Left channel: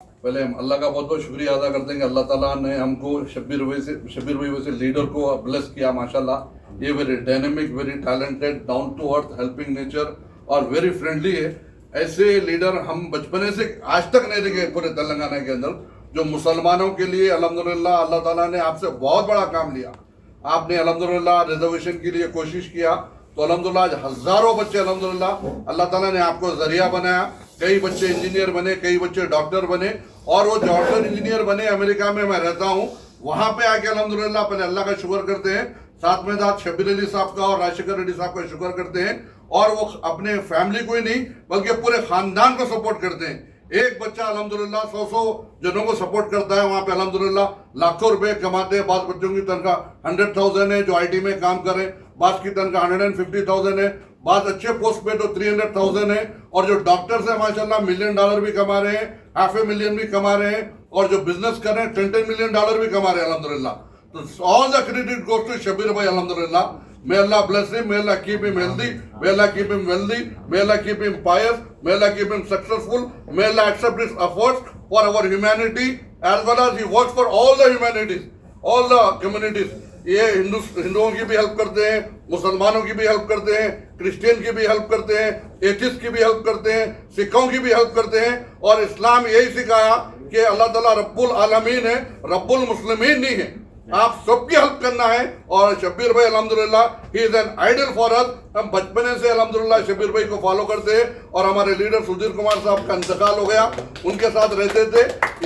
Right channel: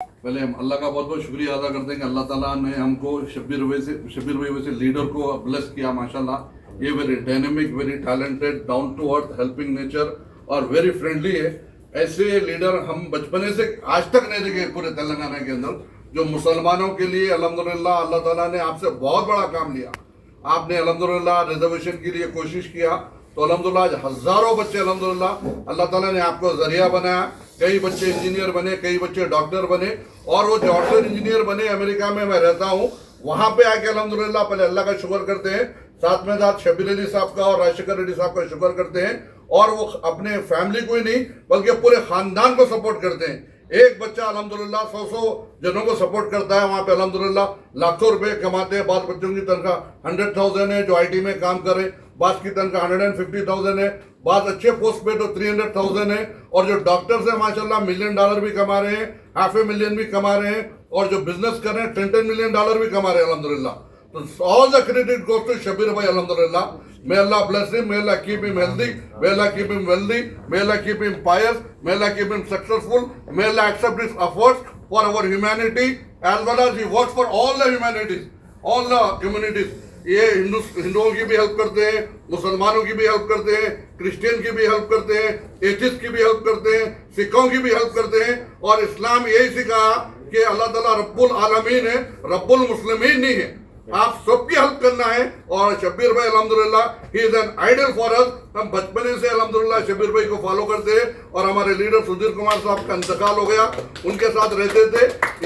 पहले हम अल्लाह का बहुत बहुत शुक्रिया अदा करते हैं कि अल्लाह ताला ने हमको शब्बीर भाई वैसे लीडर को ब्लेस किया माशाल्लाह। ये very dynamic, very talented, down to earth, helping nature और वेरी फ्रेंडली है। ऐसे लीडर हम बचपने से आज तक नहीं देखे पूरे तेलंगाना के अंदर, जो मुसलमानों के लिए अल्हम्दुलिल्लाह अल्लाह ताला ने आपसे बहुत बड़ा काम लिया। आपने अल्हम्दुलिल्लाह रिजर्वेशन के लिए कोशिश किया तो अल्हम्दुलिल्लाह आज हजारों बच्चे अल्हम्दुलिल्लाह अल्लाह ताला ने आपको जरिया बनाया। कई बच्चे इंजीनियर बने, कई बच्चे डॉक्टर बने, और वो डॉक्टर इंजीनियर बने अमेरिका में मैं रहता हूँ वहां पे आके अल्हम्दुलिल्लाह पहले अल्लाह का शुक्र करते हैं, साथ में साथ शब्बीर अली साहब का और राजशेखर रेड्डी साहब का शुक्र करते हैं, और वो अपने फैमिली को ही नहीं बल्कि पूरे खानदान को सपोर्ट करते हैं। एक बच्चा अल्हम्दुलिल्लाह 100 जनों को सपोर्ट करता है वहां पे अल्हम्दुलिल्लाह लाखों रुपए कमाते हैं। बाद बच्चों की तनख्वाह 100,000 है जो आईटी में काम करें, बाद की तनख्वाह 150,000 है, बाद अच्छे पोस्ट पे तो 300,000 है, और जो डॉक्टर्स हैं माशाल्लाह $1 मिलियन भी कमा रहे हैं, $500,000 भी कमा रहे हैं, और जो बिजनेस कर रहे हैं $10 मिलियन भी कमा रहे हैं अल्हम्दुलिल्लाह। तो all the credit goes to Shabbir भाई अल्हम्दुलिल्लाह। May Allah bless him, may Allah keep him healthy, may Allah keep him wealthy, may Allah keep him pious, may Allah keep him successful, may Allah accept his efforts for our humanity as well as he works for all the humanities, all the communities. ये हिंदुओं की भी help करते हैं, मुसलमानों की भी help करते हैं, क्रिश्चियन की भी हेल्प करते हैं, एथिस्ट की भी हेल्प करते हैं, सिखों की भी हेल्प करते हैं। और इस्लाम यही सिखाया कि अल्लाह ताला रब्बुल आलमीन है, रब्बुल मुस्लिमीन नहीं है। आप सबकी हेल्प करना है। और शब्बीर भाई अल्हम्दुलिल्लाह he is an idol for us. हम बचपने से अल्हम्दुलिल्लाह शब्बीर भाई को फॉलो करते हैं, और हमारे लीडर सुधीर कुमार साहब का इंतकाल हो गया, उनके साथ रहते थे।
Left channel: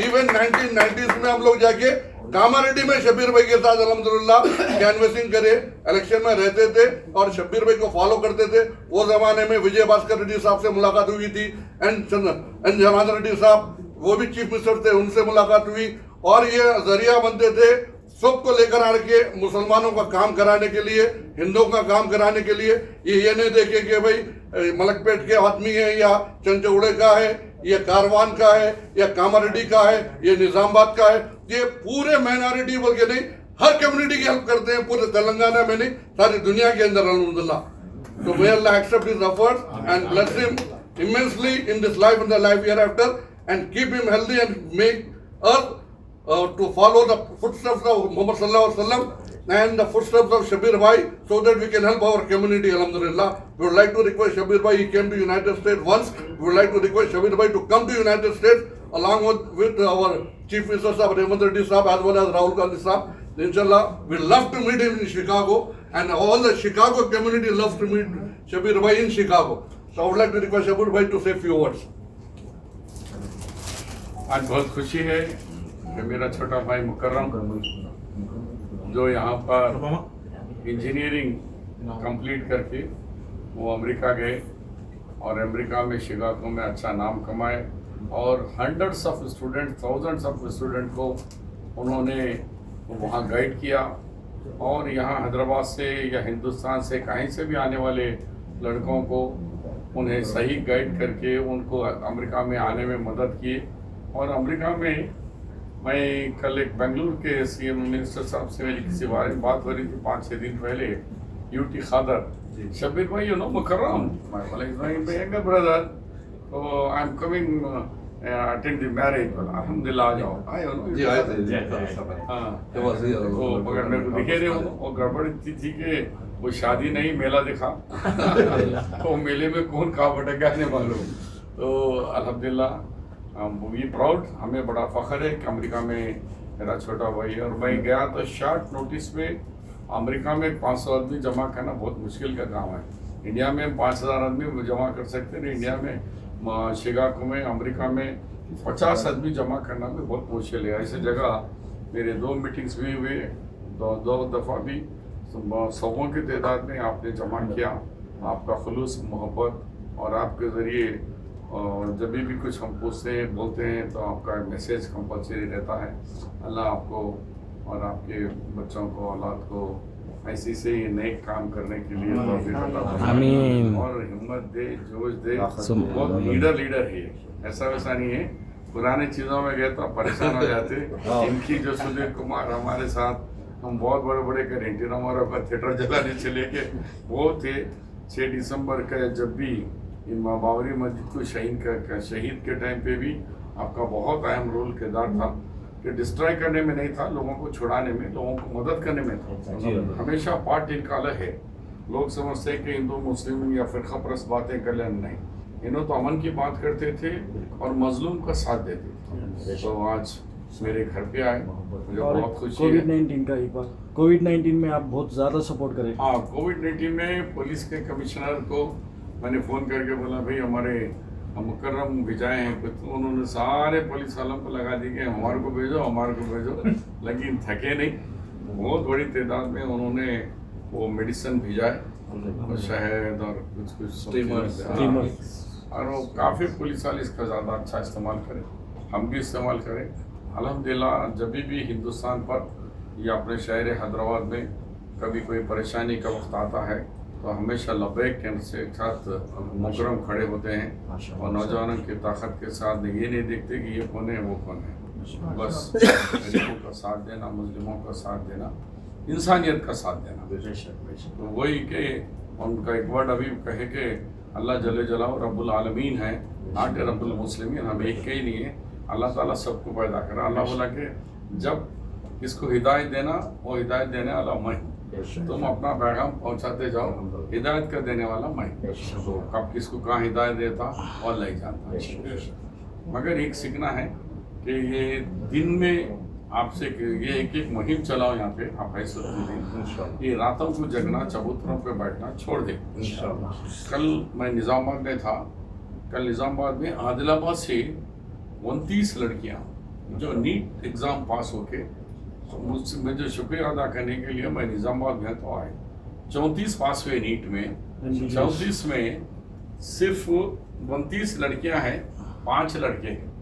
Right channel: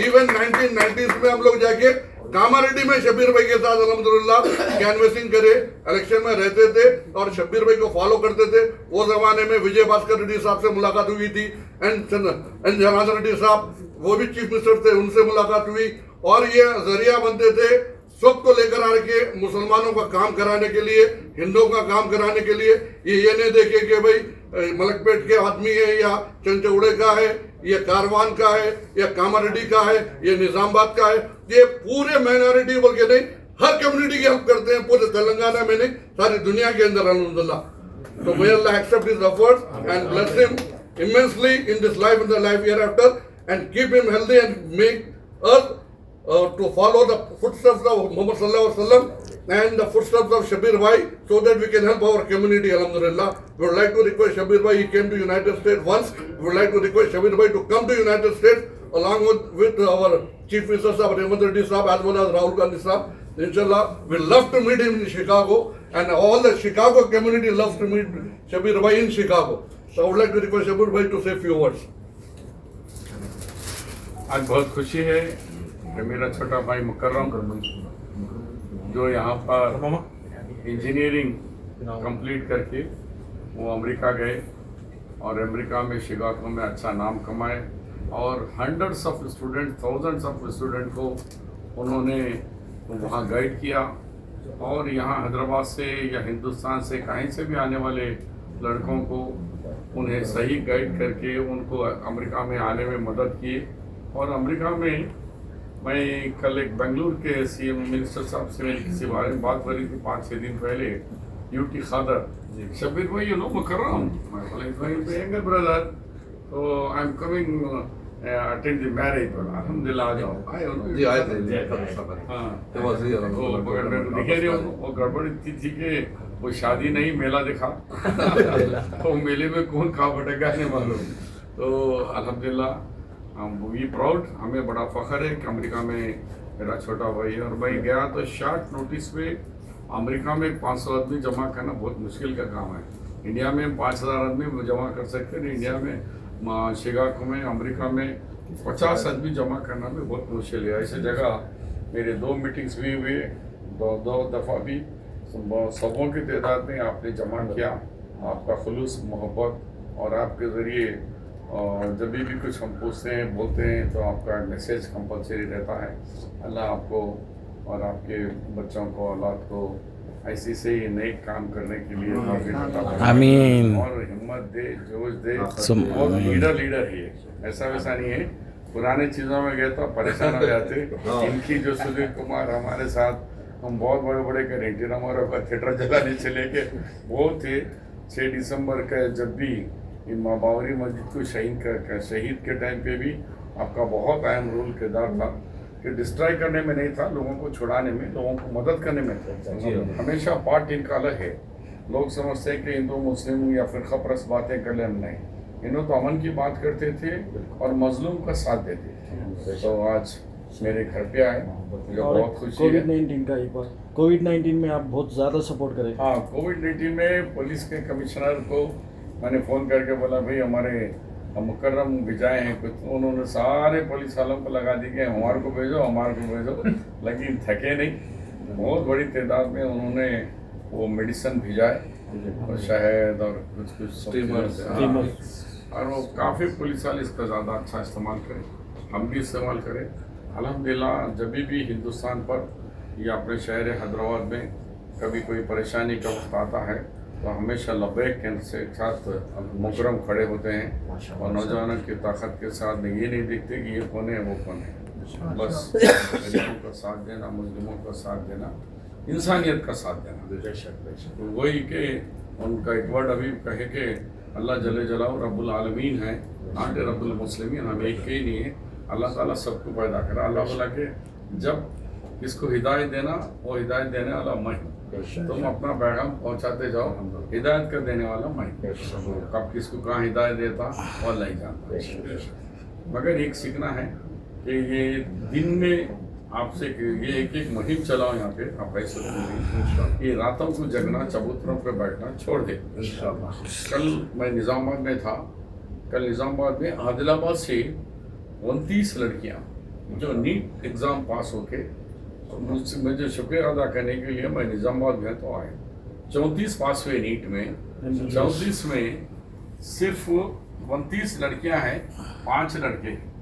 इवन 1990s में हम लोग जाके कामारेड्डी में शब्बीर भाई के साथ अल्हम्दुलिल्लाह कैनवेसिंग करे, इलेक्शन में रहते थे और शब्बीर भाई को फॉलो करते थे। वो जमाने में विजय भास्कर रेड्डी साहब से मुलाकात हुई थी, एंड जनार्दन रेड्डी साहब वो भी चीफ मिनिस्टर थे, उनसे मुलाकात हुई। और ये जरिया बनते थे सबको लेकर आके मुसलमानों का काम कराने के लिए, हिंदुओं का काम कराने के लिए। ये नहीं देखे कि भाई मलकपेट के आदमी है या चंचौड़े का है, ये कारवान का है या कामारेड्डी का है, ये निजामाबाद का है। ये पूरे माइनॉरिटी बोल के नहीं, हर कम्युनिटी की हेल्प करते हैं, पूरे तेलंगाना में नहीं सारी दुनिया के अंदर अल्हम्दुलिल्लाह। तो may Allah accept his efforts and bless him immensely in this life and the life hereafter, and keep him healthy and make us to follow the footsteps of Muhammad sallallahu alaihi wasallam and the footsteps of Shabir Bhai, so that we can help our community alhamdulillah. We would like to request Shabir Bhai, he came to United States once, we would like to request Shabir Bhai to come to United States along with our Chief Minister Sahab Rehmat Reddy Sahab as well as Rahul Gandhi Sahab. Inshallah, we love to meet him in Chicago, and all the Chicago community loves to meet Shabir Bhai in Chicago. So I would like to request Shabir Bhai to say few words. आज बहुत खुशी है कि मेरा छोटा भाई मुकर्रम जो यहाँ पर इंजीनियरिंग कंप्लीट करके वो अमेरिका गए, और अमेरिका में शिकागो में अच्छा नाम कमाए, और hundreds of student, thousands of student को उन्होंने वहाँ गाइड किया। और यहाँ हैदराबाद से या हिंदुस्तान से कहीं से भी आने वाले लड़कों को उन्हें सही गाइड करके उनको अमेरिका में आने में मदद की। और अमेरिका में मैं कल एक बेंगलुरु के सीएम मिनिस्टर साहब से मेरी किसी बारे में बात हो रही थी 5-6 दिन पहले, यूटी खादर शब्बीर भाई you know Mukarram, younger brother, तो I am coming attend the marriage. अल्हम्दुलिल्लाह आ जाओ, आए हो ना? जी आए थे जी। हाँ, तो वैसे वो दिखे रहे हो, और गड़बड़ इतनी थी कि वो शादी नहीं मेला दिखा तो मेले में कौन कहाँ भटका नहीं मालूम। तो अल्हम्दुलिल्लाह वी प्राउड, हमें बड़ा फख्र है कि अमेरिका में मेरा छोटा भाई है। और मैं गया तो शॉर्ट नोटिस पे अमेरिका में 500 आदमी जमा करना बहुत मुश्किल का काम है। इंडिया में 5,000 आदमी जमा कर सकते हैं, इंडिया में शिकागो में अमेरिका में 50 आदमी जमा करना भी बहुत मुश्किल है। ऐसी जगह मेरे 2 मीटिंग्स भी हुए, दो दफ़ा भी सबों की तादाद में आपने जमा किया। आपका खुलूस, मोहब्बत और आपके ज़रिए और जब भी कुछ हम पूछते हैं, बोलते हैं, तो आपका मैसेज कंपलसरी रहता है। अल्लाह आपको और आपके बच्चों को, औलाद को ऐसे से ही नेक काम करने के लिए तौफीक अता फरमाए। आमीन। और हिम्मत दे, जोश दे। बहुत लीडर ही है, ऐसा वैसा नहीं है। पुरानी चीज़ों में गए तो परेशान हो जाते। इनकी जो सुधीर कुमार हमारे साथ, हम बहुत बड़े बड़े गारंटी हमारे ऊपर थिएटर जलाने चले गए, वो थे। 6 दिसंबर का जब भी बाबरी मस्जिद को शहीद के टाइम पे भी आपका बहुत अहम रोल किरदार था कि डिस्ट्रॉय करने में नहीं था, लोगों को छुड़ाने में, लोगों को मदद करने में था। हमेशा पार्ट इनका अलग है। लोग समझते हैं कि हिंदू मुस्लिम या फिर खपरस बातें कर लें, नहीं, इन्हों तो अमन की बात करते थे और मजलूम का साथ देते थे। तो आज मेरे घर पे आए, मुझे बहुत खुशी है। कोविड-19 का एक बार, कोविड-19 में आप बहुत ज़्यादा सपोर्ट करें। हाँ, कोविड-19 में पुलिस के कमिश्नर को मैंने फ़ोन करके बोला, भाई हमारे मुकर्रम विजय हैं कुछ, तो उन्होंने सारे पुलिस वालों को लगा दी कि हमारे को भेजो, हमारे को भेजो, लेकिन थके नहीं। बहुत बड़ी तादाद में उन्होंने वो मेडिसिन भिजाए, और शहद और कुछ कुछ स्टीमर्स, और वो काफ़ी पुलिस वाले इसका ज़्यादा अच्छा इस्तेमाल करें, हम भी इस्तेमाल करें। अल्हम्दुलिल्लाह जब भी हिंदुस्तान पर या अपने शहर हैदराबाद में कभी कोई परेशानी का वक्त आता है तो हमेशा लबैक के साथ मुकरम खड़े होते हैं, और नौजवानों की ताकत के साथ ये नहीं देखते कि ये कौन है वो कौन है, बस गरीबों का साथ देना, मुस्लिमों का साथ देना, इंसानियत का साथ देना। तो वही कि उनका एक वर्ड अभी कहे कि अल्लाह जल्ले जलाओ रब्बुल आलमीन है, नॉट रब्बुल मुस्लिमीन, हम एक के ही नहीं है। अल्लाह ताला सबको पैदा करा। अल्लाह बोला कि जब इसको हिदायत देना, वो हिदायत देने वाला मैं, तुम अपना पैगाम पहुंचाते जाओ, हिदायत कर देने वाला मैं। तो कब किसको कहाँ हिदायत देता और नहीं जानता। मगर एक सीखना है कि ये दिन में आपसे ये एक मुहिम चलाओ यहाँ पे, आप ऐसे ये रातों को जगना, चबूतरों पे बैठना छोड़ दे। कल मैं निज़ामाबाद में था, कल निज़ामाबाद में आदिलाबाद से 29 लड़कियाँ जो नीट एग्ज़ाम पास होके, तो मुझे शुक्रिया अदा करने के लिए मैं निज़ामाबाद में तो आए। 34 पास हुए नीट में, 34 में सिर्फ 29 लड़कियां हैं, 5 लड़के हैं।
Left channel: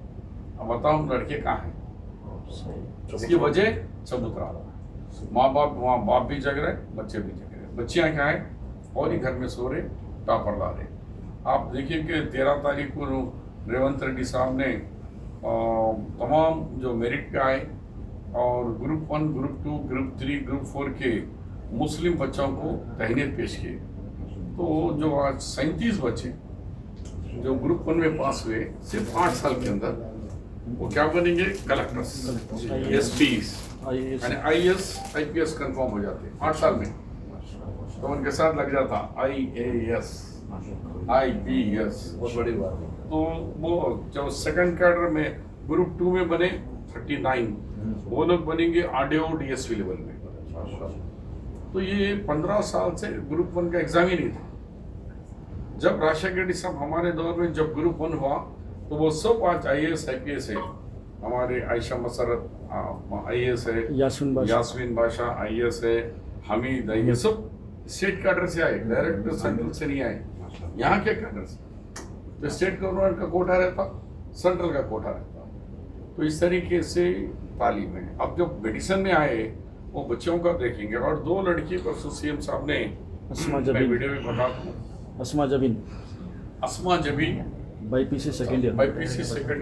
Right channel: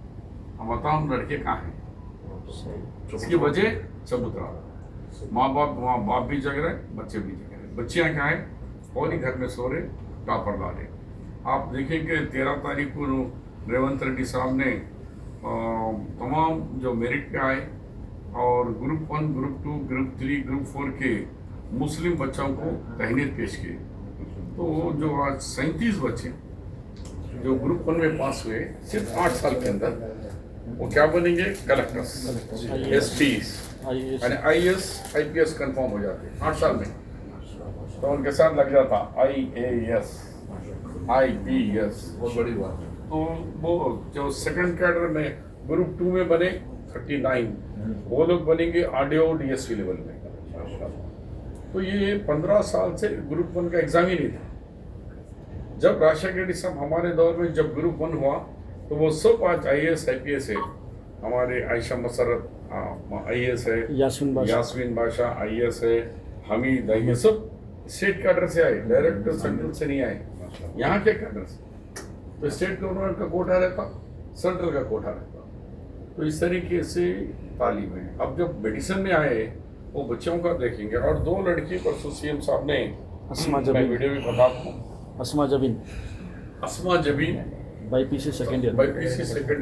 अब बताओ लड़के कहाँ हैं? इसकी वजह चबूतरा, माँ बाप भी जग रहे, बच्चे भी जग रहे। बच्चियाँ क्या है, और ही घर में सो रहे, टापर ला रहे। आप देखिए कि 13 तारीख को रेवंत रेड्डी साहब ने तमाम जो मेरिट पे आए और ग्रुप 1, ग्रुप 2, ग्रुप 3, ग्रुप 4 के मुस्लिम बच्चों को तहनीत पेश किए। तो जो आज 37 बच्चे जो ग्रुप 1 में पास हुए, सिर्फ 8 साल के अंदर वो क्या बनेंगे, कलेक्टर्स, एसपीज, यानी IAS IPS कंफर्म हो जाते 8 साल में। तो उनके साथ लग जाता IAS IPS, बहुत बड़ी बात है। तो वो जो सेकंड कैडर में ग्रुप 2 में बने 39, वो लोग बनेंगे RDO DSP लेवल में। तो ये 15 साल से ग्रुप 1 का एग्जाम ही नहीं था। जब राजशेखर रेड्डी साहब हमारे दौर में जब ग्रुप 1 हुआ तो वो सब आज IAS IPS है। हमारे आयशा मसरत IAS है, यास्मीन बादशाह IAS है, हमीद ये सब स्टेट कैडर से आए, डायरेक्ट सेंट्रल से नहीं आए। यहाँ के कैडर से तो स्टेट गवर्नमेंट का कोटा रहता, सेंट्रल का कोटा रहता। तो इस तरीके से तालीम है। अब जो मेडिसिन में आए वो बच्चों का देखेंगे। और 2 लड़की पर CM साहब ने वीडियो भी बताता हूँ, अस्मा जबीन BPC सेकेंड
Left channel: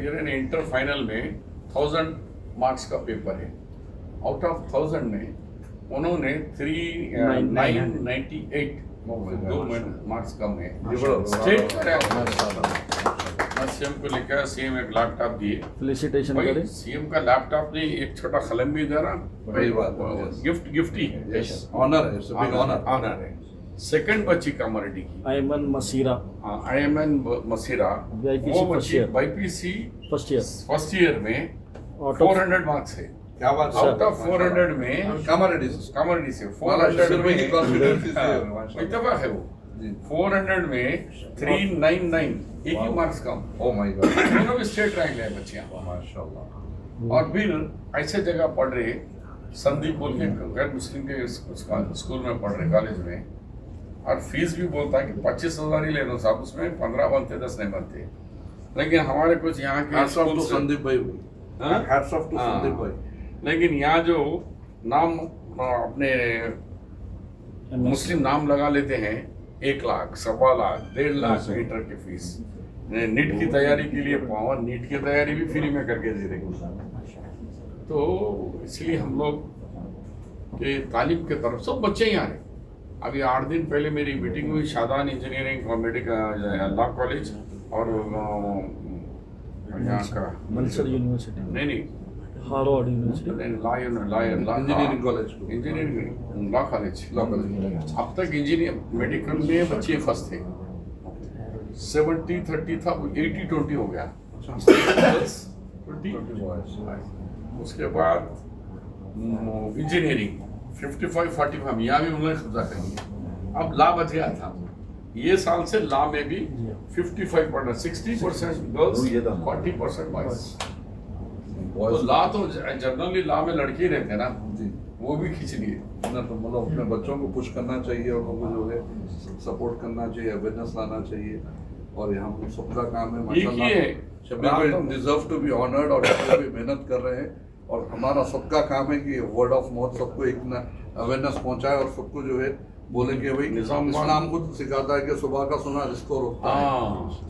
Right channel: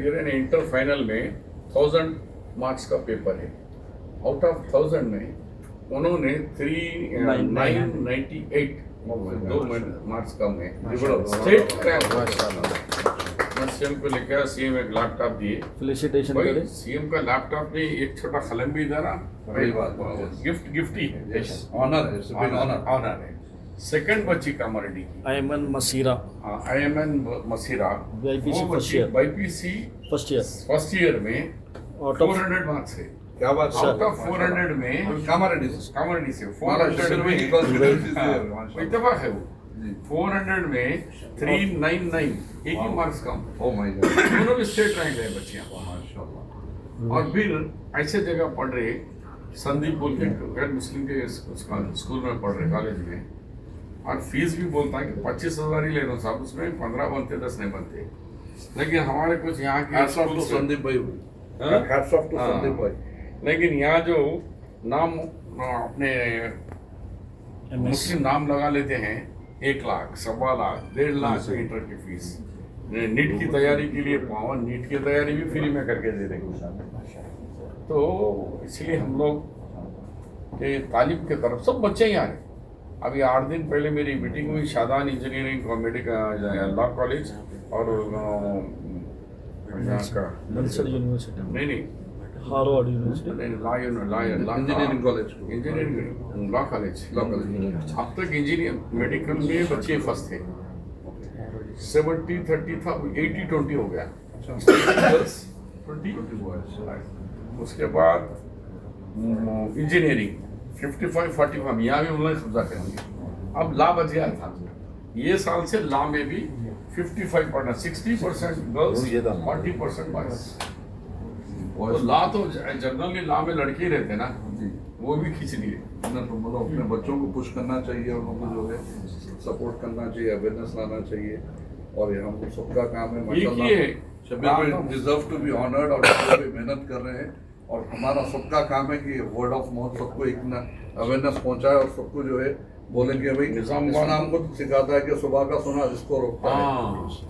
ईयर ने इंटर फाइनल में 1000 मार्क्स का पेपर है। आउट ऑफ 1000 में उन्होंने 998 2 मार्क्स कम है, स्टेट रैंक। मैं CM को लेकर CM एक लैपटॉप दिए, फेलिसिटेशन करें। CM का लैपटॉप नहीं, एक छोटा कलम भी दे रहा, बड़ी बात, गिफ्ट ही है, ऑनर है, ऑनर है। सेकंड बच्ची कामारेड्डी की, अयमन मसीरा, मसीरा, BPC फर्स्ट ईयर में 400 मार्क्स है। क्या बात है, आउट ऑफ 400 में कामारेड्डी से 400 में इत्तेफाक है वो, 400 में 399, एक ही मार्क्स कम। ओह माय गॉड, दोनों भी स्टेट रैंक है बच्चियाँ माशाल्लाह। और फिर ऐसे जगह पढ़ रहे, संदीप बोल के गैर मुस्लिम के स्कूल में पढ़ रहे, कॉलेज में, और फीस भी बोलता है कि 25,000 ही ले लो साहब, उसमें 15 बनते, 10 नहीं बनते। लेकिन हमारे कुछ यहाँ के संदीप भाई, हैट्स ऑफ टू संदीप भाई। लेकिन यहाँ जो नाम अपने मुस्लिम नाम लगा लेते हैं, 1 लाख, 1.25 लाख, 1.5 लाख इंटर की फीस, नीट की तैयारी के लिए पावन, नीट की तैयारी भी फ्री में करके दे रहे। तो इसलिए हम लोग के तालीम के तरफ सब बच्चे ही आ रहे। अभी 8 दिन पहले मेरी मीटिंग हुई शादान इंजीनियरिंग कॉमेडी का लॉ कॉलेज और यहाँ का नलसर यूनिवर्सिटी, नहीं हार्वर्ड यूनिवर्सिटी, इंजीनियरिंग कॉलेज को engineering law college law college अब तक इंजीनियर मेडिकल में बच्चे फर्स्ट थे 70-30 था 80-20 हो गया 20 उसके बाद इंजीनियरिंग 55-45 हम यहाँ भी उन्होंने कब्जा कर लिया अब लॉ बच गया था ये साल से लॉ में भी 55% 60% गर्ल्स 40% बॉयज तो लॉ तो जनरली लॉ में लड़के ही रहते ना वो भी खींच लिए ना तो मतलब अपने बच्चों को पुश करना चाहिए, उनको जो है सपोर्ट करना चाहिए, अवेयरनेस लाना चाहिए और ये हम सबका काम है एक ही है शब्बीर भाई डिजर्व टू बी ऑनर्ड और शब्बीर भाई मेहनत कर रहे हैं और हमारा सबका काम है कि वर्ड ऑफ माउथ सबको एक ना अवेयरनेस पहुंचाए और सबको जो है बोले कि भाई इस्लाम को तो सिखाता है कि सुबह का सोना रिस्को रोकता है।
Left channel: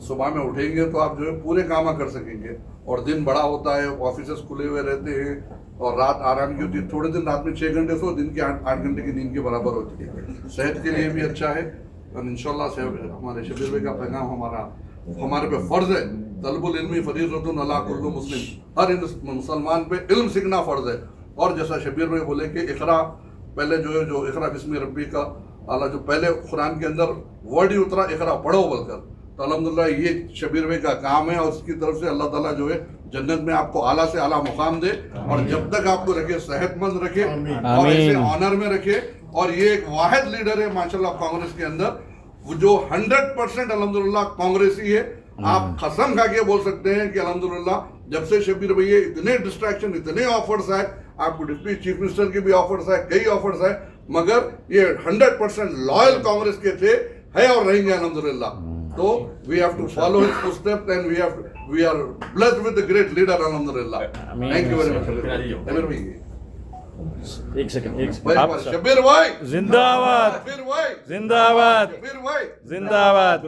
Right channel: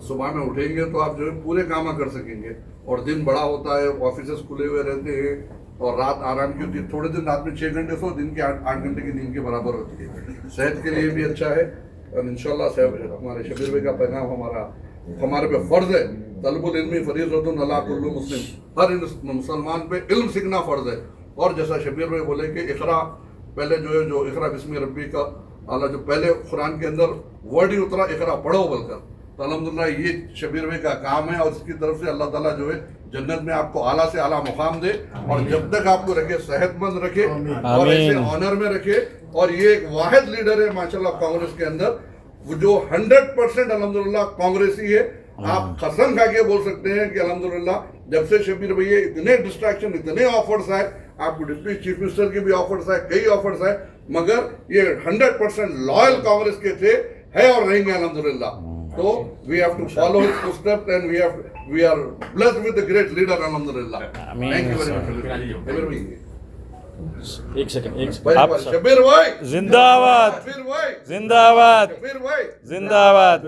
सुबह में उठेंगे तो आप जो है पूरे काम कर सकेंगे और दिन बड़ा होता है, ऑफिस खुले हुए रहते हैं और रात आराम की होती है। थोड़े दिन रात में 6 घंटे सो, दिन के 8 घंटे की नींद के बराबर होती है, सेहत के लिए भी अच्छा है और इंशाल्लाह हमारे शब्बीर भाई का पैगाम हमारे पे फर्ज है। तलबुल इल्मी फरीज़तुन अला कुल्लि मुस्लिम, हर मुसलमान पे इल्म सीखना फर्ज है। और जैसा शब्बीर भाई बोले कि इकरा पहले जो है जो इकरा बिस्मि रब्बी का आला जो पहले कुरान के अंदर वर्ड ही उतरा इकरा पढ़ो बोलकर, तो अल्हम्दुलिल्लाह ये शब्बीर भाई का काम है और उसकी तरफ से अल्लाह ताला जो है जन्नत में आपको आला से आला मुकाम दे और जब तक आपको रखे सेहतमंद रखे और ऐसे ऑनर में रखे। और ये एक वाहिद लीडर है माशाल्लाह कांग्रेस के अंदर वो जो 100% अल्हम्दुलिल्लाह कांग्रेसी है। आप कसम खा के बोल सकते हैं कि अल्हम्दुलिल्लाह जब से शब्बीर भैया इतने डिस्ट्रैक्शन इतने ऑफर्स आए, आपको डिप्टी चीफ मिनिस्टर के भी ऑफर्स आए, कई ऑफर्स आए, मगर ये 100% लॉयल कांग्रेस के थे, है और रहेंगे अल्हम्दुलिल्लाह। तो we have to follow his footsteps and we are blessed with the great leader अल्हम्दुलिल्लाह। Thank you very much Shabbir भाई। एक सेकंड आप शब्बीर भाई जिंदाबाद शब्बीर भाई जिंदाबाद शब्बीर भाई जिंदाबाद